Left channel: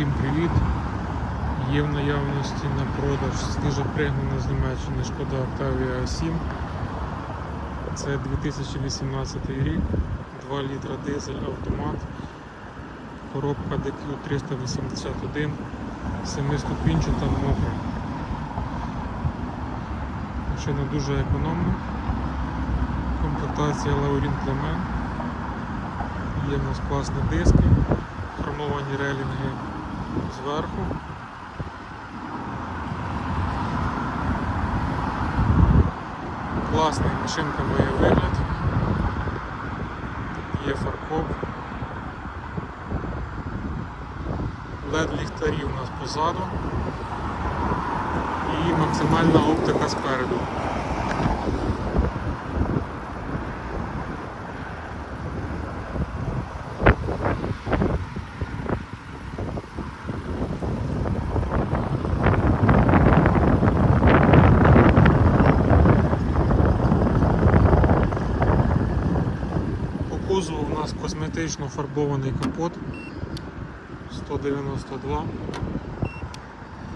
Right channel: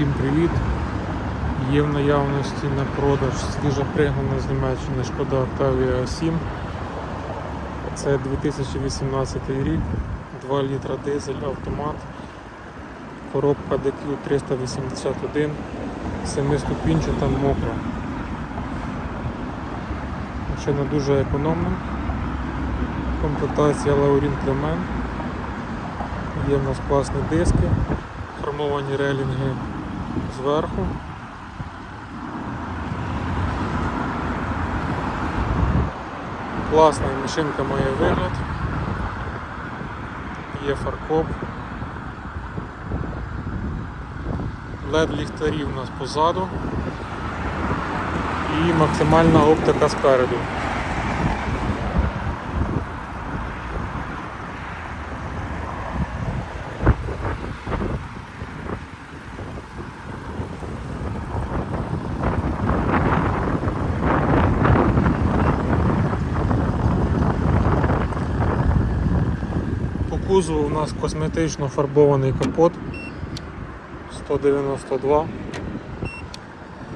Усім привіт! Є в наявності на продаж свіжа пригнана з Німеччини Шкода Octavia 7. Це 2018 рік, 2 літра дизель автомат, коробка DQ 381, 7-ступінчата мокра. Машина дуже економна. Комплектація Laurin Clement. Є в нас класні диски, хромовані релінги зверху. Класний машинка має вигляд. Є фаркоп. LED ліхтарі у нас позаду і максимальна оптика спереду. По кузову у нас косметично фарбований капот 192,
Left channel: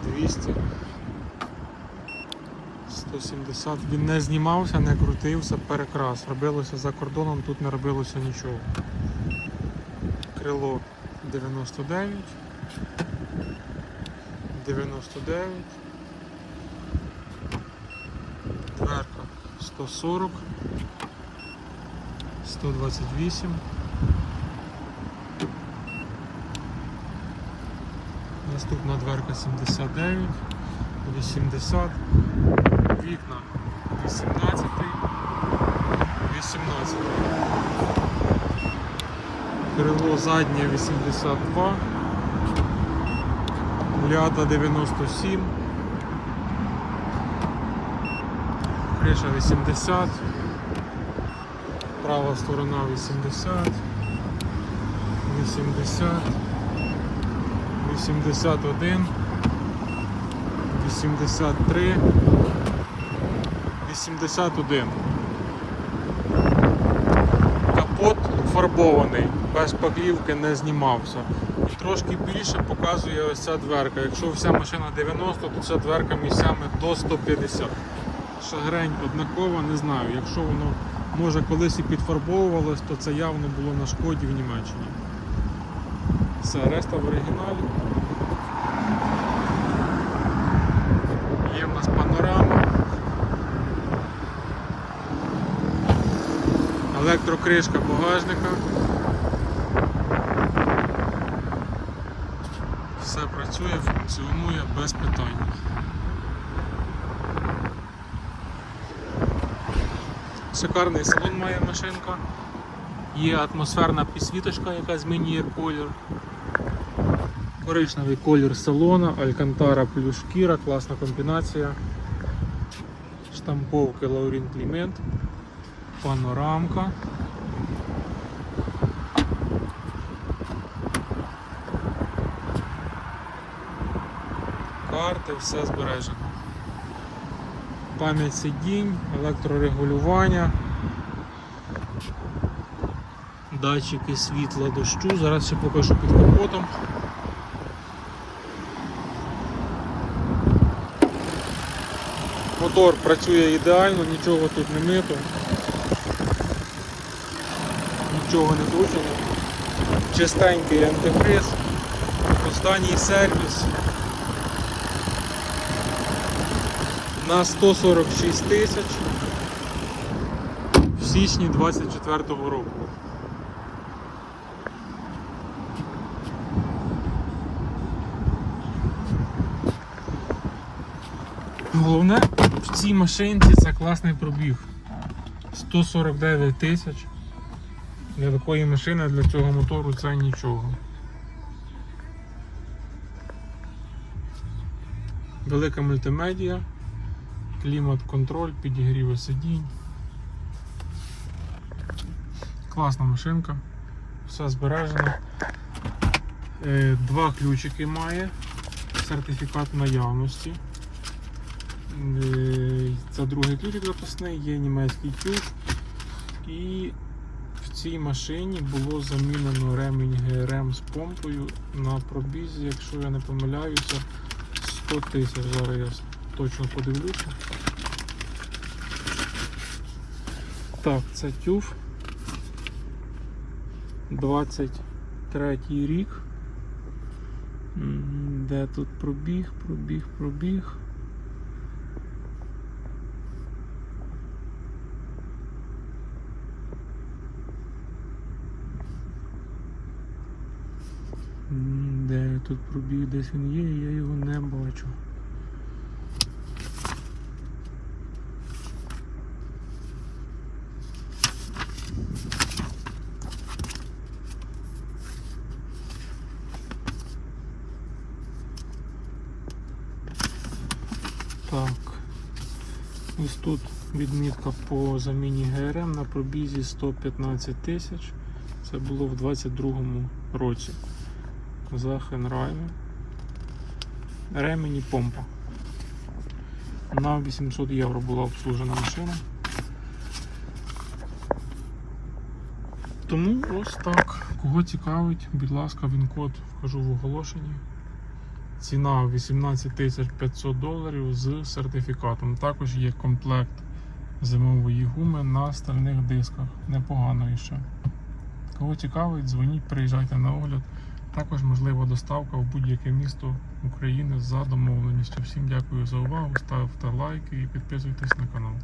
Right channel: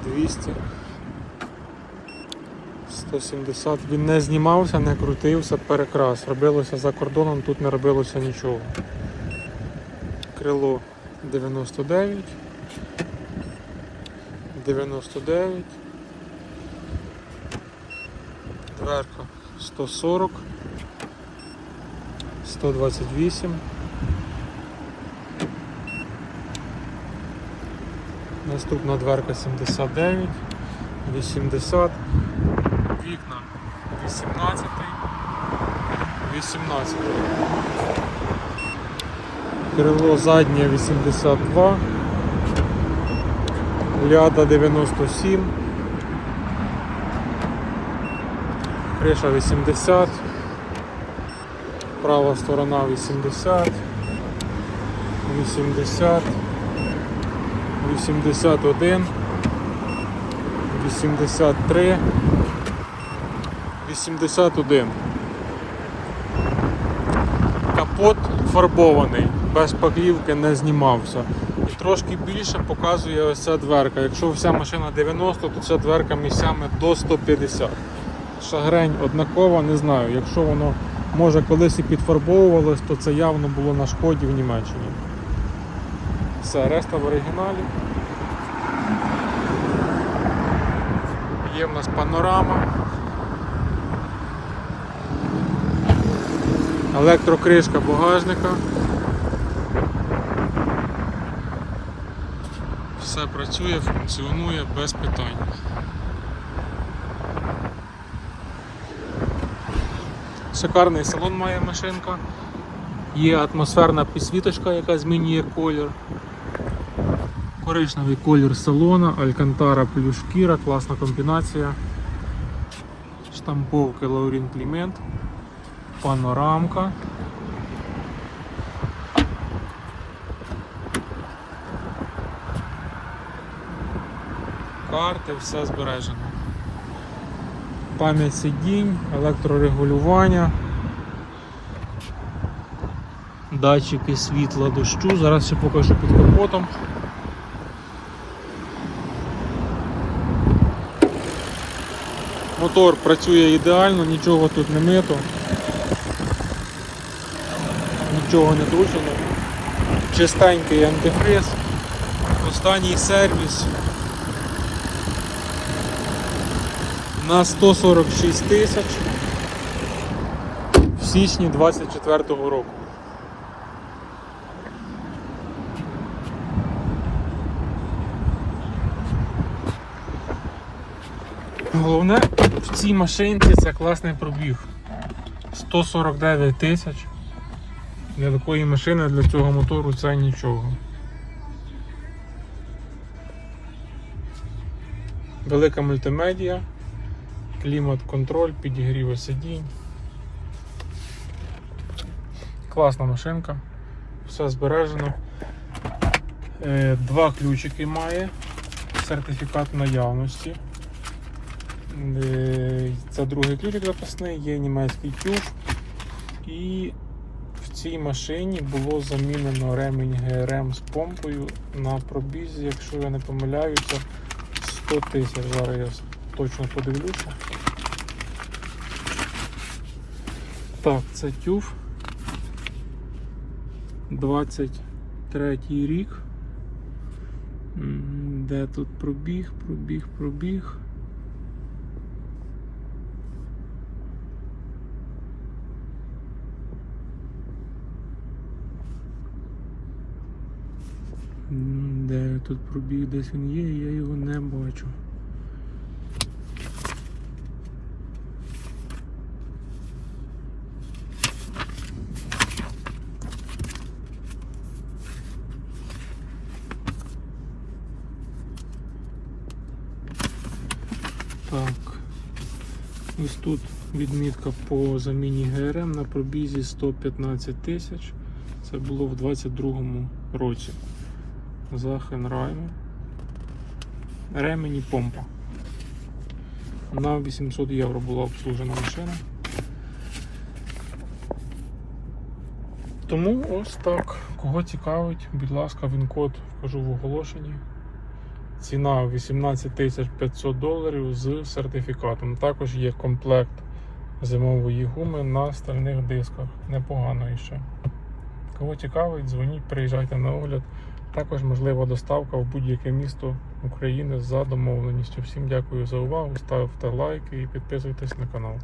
200, 170. Він не знімався, не крутився, перекрас. Робилося за кордоном, тут не робилося нічого. Крило 99, 99, дверка 140. 128. Наступна дверка 79, 80, вікна 18, 18. Крило заднє 82, ляда 97, криша 80 права сторона 80, 80, 81, 83, 81. Капот фарбований, без паклівки не знімався. І трошки більше показує ось ця дверка. Якщо вся машина 90, то ця дверка місцями до 150. Шагрень однакова, не знаю. Якщо воно може колись і підфарбовувалось, то це явно було на шкоді в Німеччині. Це решта в оригіналі. Є в нас панорама. Електрокришка багажника. Все працює, функціонує без питань. Шикарний салон має машинка. Є атмосферна підсвіточка, яка змінює колір. Коричневий колір салона, Алькантара плюс шкіра, класна комбінація. Штамповки Laurin Clement, панорамка. Карти, все збережено. Пам'ять сидінь, електрорегулювання, датчики світла дощу. Зараз ще покажу під капотом. Мотор працює ідеально, нічого тут не мито, нічого не кручено. Чистенький антифриз, останній сервіс. На 146 тисяч в січні 24-го року. Головне в цій машинці це класний пробіг. 149 тисяч. Для такої машини, для цього мотору це нічого. Велика мультимедіа клімат-контроль, підігріви сидінь. Класна машинка, все збережено. Е, Два ключики має, сертифікат наявності. Е, Це другий ключик запасний, є німецький тюб і в цій машині було замінено ремінь ГРМ з помпою на пробізі, якщо я не помиляюся, 100 тисяч. Зараз точно подивлюся. Так, це тюф. 23 рік. Де тут пробіг, пробіг, пробіг. Де тут пробіг, десь він є, я його не бачу. Так. Ось тут відмітка по заміні ГРМ на пробізі 115 тисяч. Це було в 22-му році. За Хенрайном. Ремені помпа. На 800 євро була обслужена машина. Тому ось так. Кого цікавить, будь ласка, він код вкажу в оголошенні. Ціна 18 тисяч 500 доларів з сертифікатом. Також є комплект зимової гуми на стальних дисках. Непогано іще. Кого цікавить, дзвоніть, приїжджайте на огляд. Також можлива доставка в будь-яке місто України за домовленістю. Всім дякую за увагу, ставте лайки і підписуйтесь на канал.